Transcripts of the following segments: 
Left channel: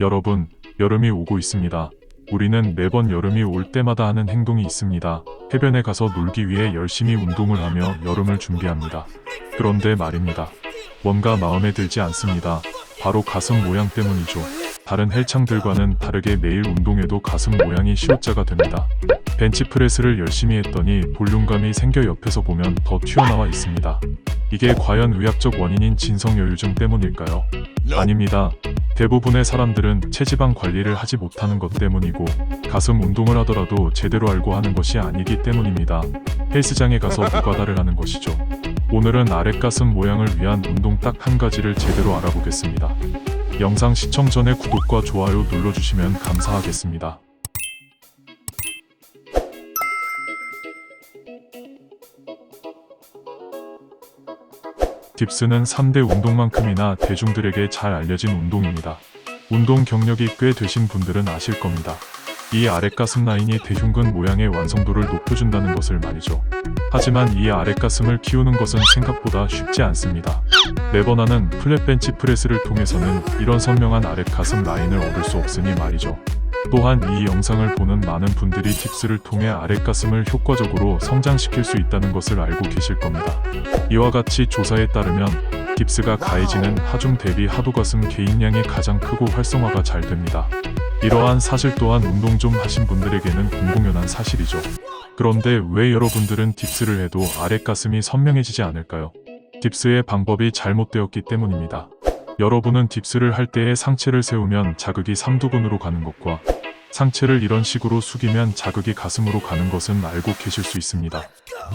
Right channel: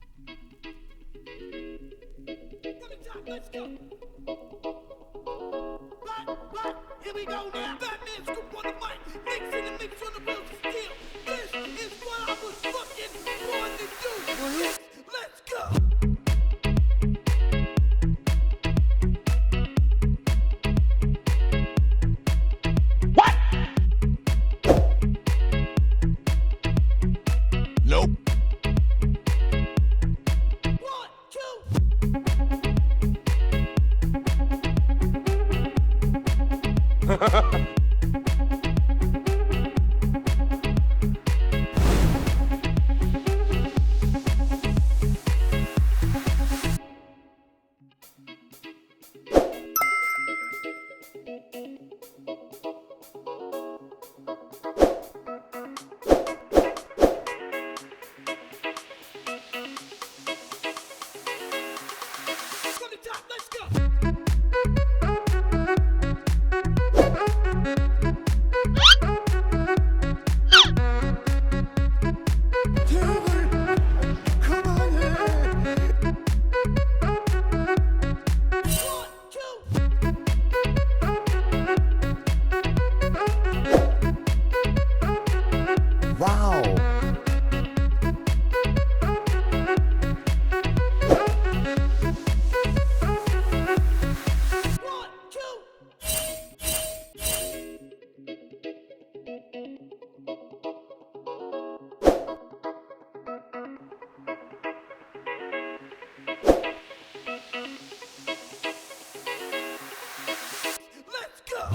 여러분, 여름이 오고 있습니다. 우리는 매번 여름이 올 때마다 하는 행동이 있습니다. 해변에 가서 놀기 위해 열심히 운동을 하며 여름을 준비합니다. 그런데 말입니다. 뭔가 마음에 들지 않습니다. 바로 가슴 모양 때문이죠. 다른 헬창들과는 다르게 매일 운동해도 가슴 모양이 시옷자가 됩니다. 벤치프레스를 열심히 했더니 볼륨감이 생겨 옆에서 보면 더 튀어나와 있습니다. 이게 과연 의학적 원인인 진성여유증 때문일까요? 아닙니다. 대부분의 사람들은 체지방 관리를 하지 못하는 것 때문이고 가슴 운동을 하더라도 제대로 알고 하는 것이 아니기 때문입니다. 헬스장에 가서 노가다를 하는 것이죠. 오늘은 아랫가슴 모양을 위한 운동 딱 한 가지를 제대로 알아보겠습니다. 영상 시청 전에 구독과 좋아요 눌러주시면 감사하겠습니다. 딥스는 3대 운동만큼이나 대중들에게 잘 알려진 운동입니다. 운동 경력이 꽤 되신 분들은 아실 겁니다. 이 아랫가슴 라인이 대흉근 모양의 완성도를 높여준다는 것을 말이죠. 하지만 이 아랫가슴을 키우는 것은 생각보다 쉽지 않습니다. 매번 하는 플랫 벤치 프레스를 통해서는 이런 선명한 아랫가슴 라인을 얻을 수 없으니 말이죠. 또한 이 영상을 보는 많은 분들이 딥스를 통해 아랫가슴을 효과적으로 성장시킬 수 있다는 것을 알고 계실 겁니다. 이와 같이 조사에 따르면 딥스가 가해지는 하중 대비 하도가슴 개인량이 가장 크고 활성화가 잘 됩니다. 이러한 사실 또한 운동 좀 하신 분들에게는 공공연한 사실이죠. 그런데 왜 여러분들은 딥스를 해도 아랫가슴이 선명해지지 않을까요? 딥스의 방법이 잘못되었기 때문입니다. 여러분은 딥스를 할 때에 상체를 세우면 자극이 삼두근으로 가는 것과 상체를 이런 식으로 숙이면 자극이 가슴으로 가는 것은 알고 계실 수 있습니다.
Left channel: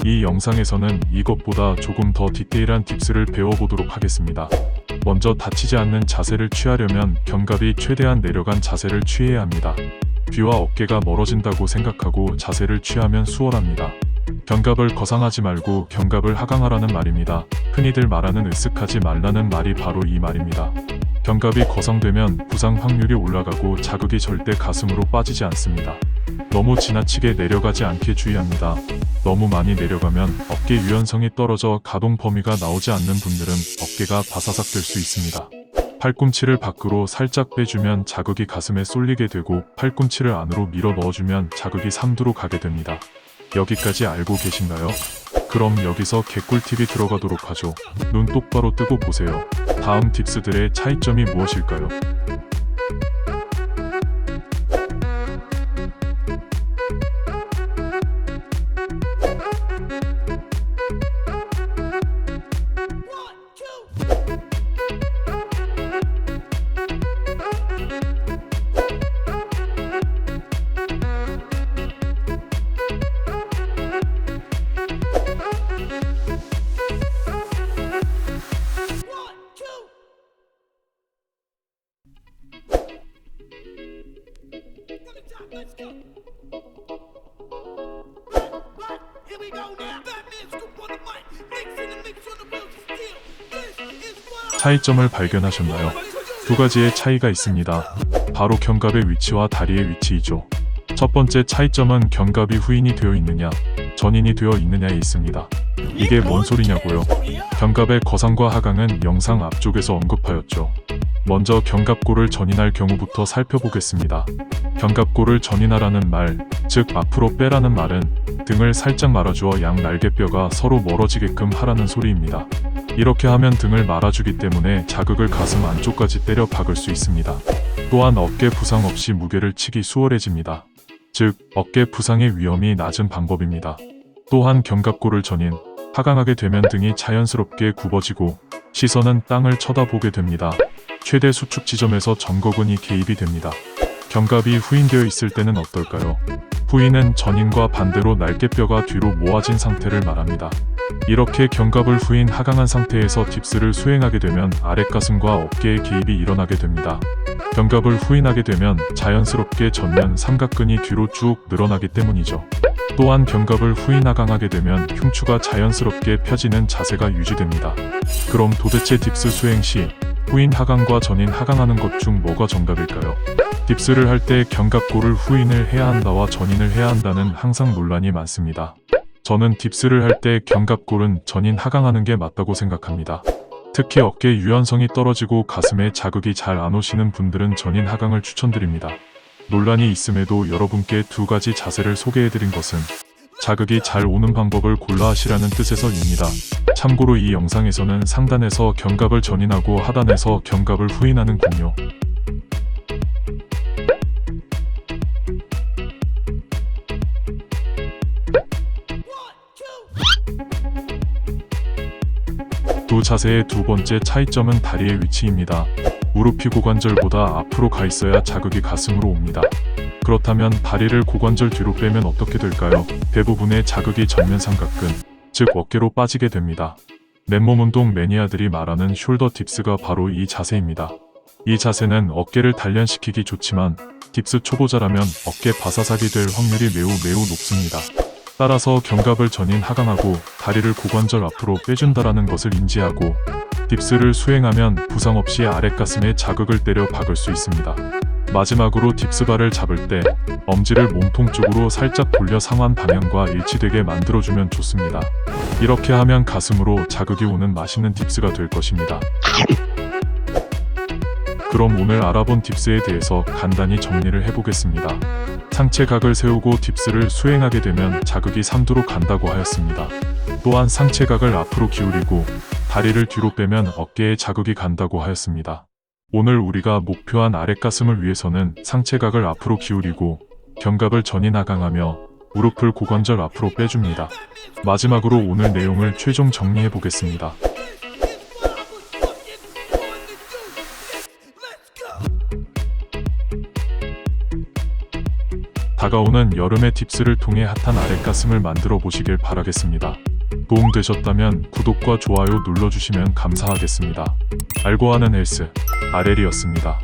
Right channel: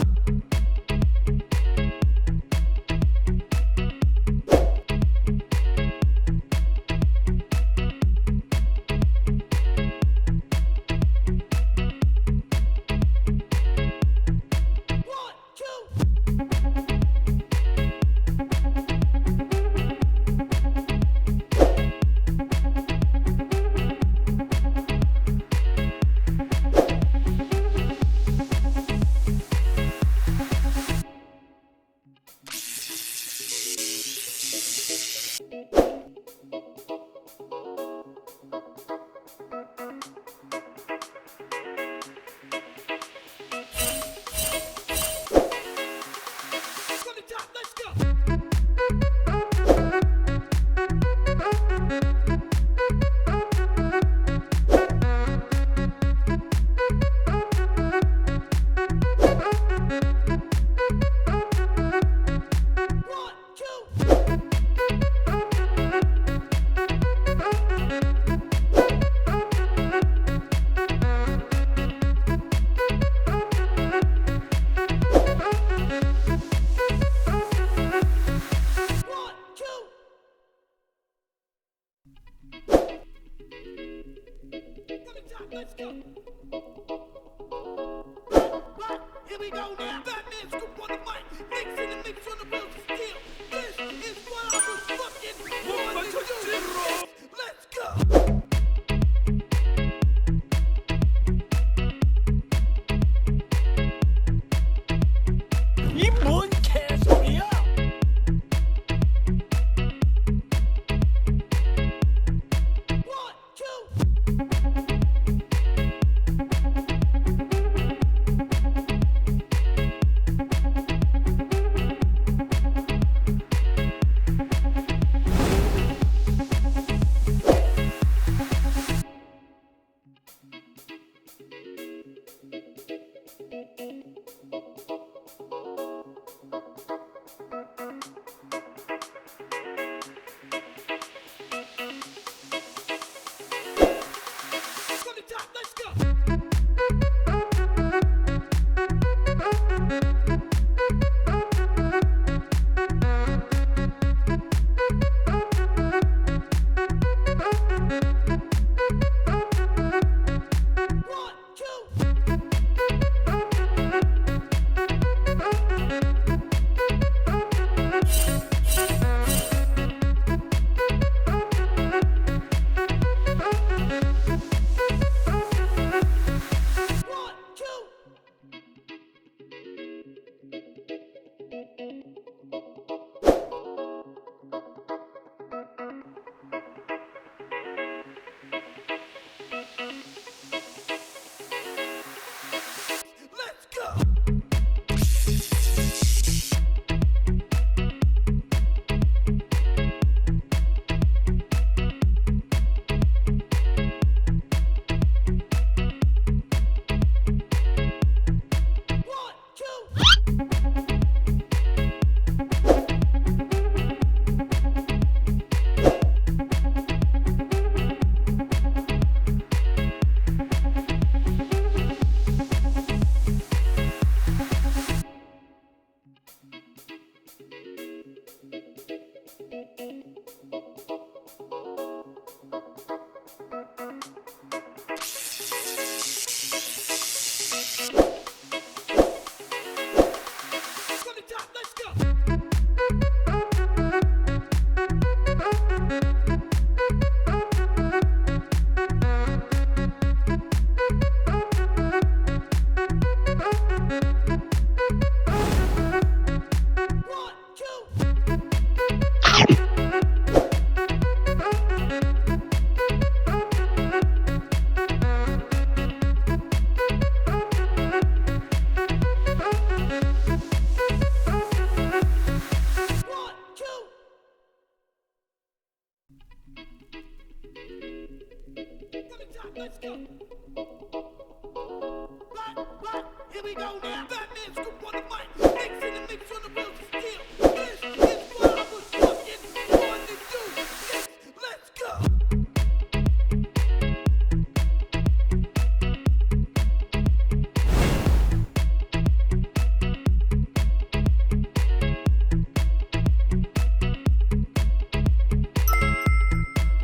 이 영상에서는 이것보다 조금 더 디테일한 딥스를 배워보도록 하겠습니다. 먼저 다치지 않는 자세를 취하려면 견갑이 최대한 내려간 자세를 취해야 합니다. 귀와 어깨가 멀어진다고 생각하고 자세를 취하면 수월합니다. 견갑을 거상하지 말고 견갑을 하강하라는 말입니다. 흔히들 말하는 으쓱하지 말라는 말이 바로 이 말입니다. 견갑이 거상되면 부상 확률이 올라가고 자극이 절대 가슴으로 빠지지 않습니다. 너무 지나치게 내려가지 않게 주의합니다. 너무 많이 내려가면 어깨 유연성이 떨어져 가동 범위가 나오지 않는 분들은 어깨가 바사삭 될 수 있습니다. 팔꿈치를 밖으로 살짝 빼주면 자극이 가슴에 쏠리게 되고 팔꿈치를 안으로 밀어 넣어주면 자극이 삼두로 가게 됩니다. 여기까지 알고 계신가요? 그럼 여기서 개꿀팁이 들어가도록 하죠. 눈 똑바로 뜨고 보세요. 다음 딥스들의 차이점이 무엇일까요? Let's go. Here we go now. Batman scoop on the mic. Mix in the mix on the wheels of steel. This is what 차이점을 발견하셨나요? 두 가지의 차이가 있습니다. 바로 견갑의 위치와 다리의 위치이죠. 첫 번째 차이점은 견갑이 후인이 되어 있느냐, 전인이 되어 있느냐에 있습니다. 이게 뭔 소리냐고요? 견갑의 거상과 하강은 영상 앞쪽에서 언급하였죠. 먼저 견갑골을 전인할 경우부터 살펴보겠습니다. 견갑골을 전인하라는 말, 즉 앞으로 빼라는 말은 등을 살짝 말아주어 양 날개뼈가 서로 멀어지게끔 하라는 소리입니다. 이렇게 하면 등을 말아주기 때문에 자극을 가슴 안쪽까지 때려 박을 수 있습니다. 또한 어깨 부상 없이 무게를 치기 수월해집니다. 즉, 어깨 부상의 위험이 낮은 방법입니다. 또한 견갑골을 전인, 하강하게 되면 등이 자연스럽게 굽어지고 시선은 땅을 쳐다보게 됩니다. 최대 수축 지점에서 전거근이 개입이 됩니다. 견갑이 후인되어 있을 때는 어떨까요? 후인은 전인과 반대로 날개뼈가 뒤로 모아진 상태를 말합니다. 이렇게 견갑을 후인 하강한 상태에서 딥스를 수행하게 되면 아랫가슴과 어깨에 개입이 일어나게 됩니다. 견갑을 후인하게 되면 자연스럽게 전면 삼각근이 뒤로 쭉 늘어나기 때문이죠. 또한 견갑을 후인 하강하게 되면 흉추가 자연스럽게 펴지는 자세가 유지됩니다. 그럼 도대체 딥스 수행 시 후인 하강과 전인 하강하는 것 중 뭐가 정답일까요? 딥스를 할 때 견갑골을 후인을 해야 한다와 전인을 해야 한다는 항상 논란이 많습니다. 저는 딥스를 할 때 견갑골은 전인 하강하는 게 맞다고 생각합니다. 특히 어깨 유연성이 떨어지고 가슴에 자극이 잘 안 오시는 분들은 전인 하강을 추천드립니다. 논란이 있음에도 여러분께 두 가지 자세를 소개해드린 것은 자극이 잘 오는 방법을 골라 하시라는 뜻에서입니다. 참고로 이 영상에서는 상단에서 견갑을 전인하고 하단에서 견갑을 후인하는군요. 두 자세의 두 번째 차이점은 다리의 위치입니다. 무릎이 고관절보다 앞으로 가 있어야 자극이 가슴으로 옵니다. 그렇다면 다리를 고관절 뒤로 빼면 어떻게 될까요? 대부분의 자극이 전면 삼각근, 즉 어깨로 빠지게 됩니다. 맨몸 운동 매니아들이 말하는 숄더 딥스가 바로 이 자세입니다. 이 자세는 어깨를 단련시키기 좋지만 딥스 초보자라면 어깨 바사삭이 될 확률이 매우 높습니다. 따라서 견갑을 전인 하강하고 다리를 고관절 앞으로 빼준다라는 것을 인지하고 딥스를 수행하면 부상 없이 아랫가슴에 자극을 때려 박을 수 있습니다. 마지막으로 딥스바를 잡을 때 엄지를 몸통 쪽으로 살짝 돌려 상완 방향과 일치되게 만들어주면 좋습니다. 이렇게 하면 가슴으로 자극이 오는 맛있는 딥스가 될 것입니다. 그럼 오늘 알아본 딥스에 대해서 간단히 정리를 해보겠습니다. 상체 각을 세우고 딥스를 수행하게 되면 자극이 삼두로 간다고 하였습니다. 또한 상체 각을 앞으로 기울이고 다리를 뒤로 빼면 어깨에 자극이 간다고 하였습니다. 오늘 우리가 목표한 아랫가슴을 위해서는 상체 각을 앞으로 기울이고 견갑을 전인 하강하며 무릎을 고관절 앞으로 빼줍니다. 마지막으로 오늘 내용을 최종 정리해 보겠습니다. 다가오는 여름의 팁스를 통해 핫한 아랫가슴을 만들어 보시길 바라겠습니다. 도움되셨다면 구독과 좋아요 눌러주시면 감사하겠습니다. 알고 하는 헬스, 아렐이었습니다.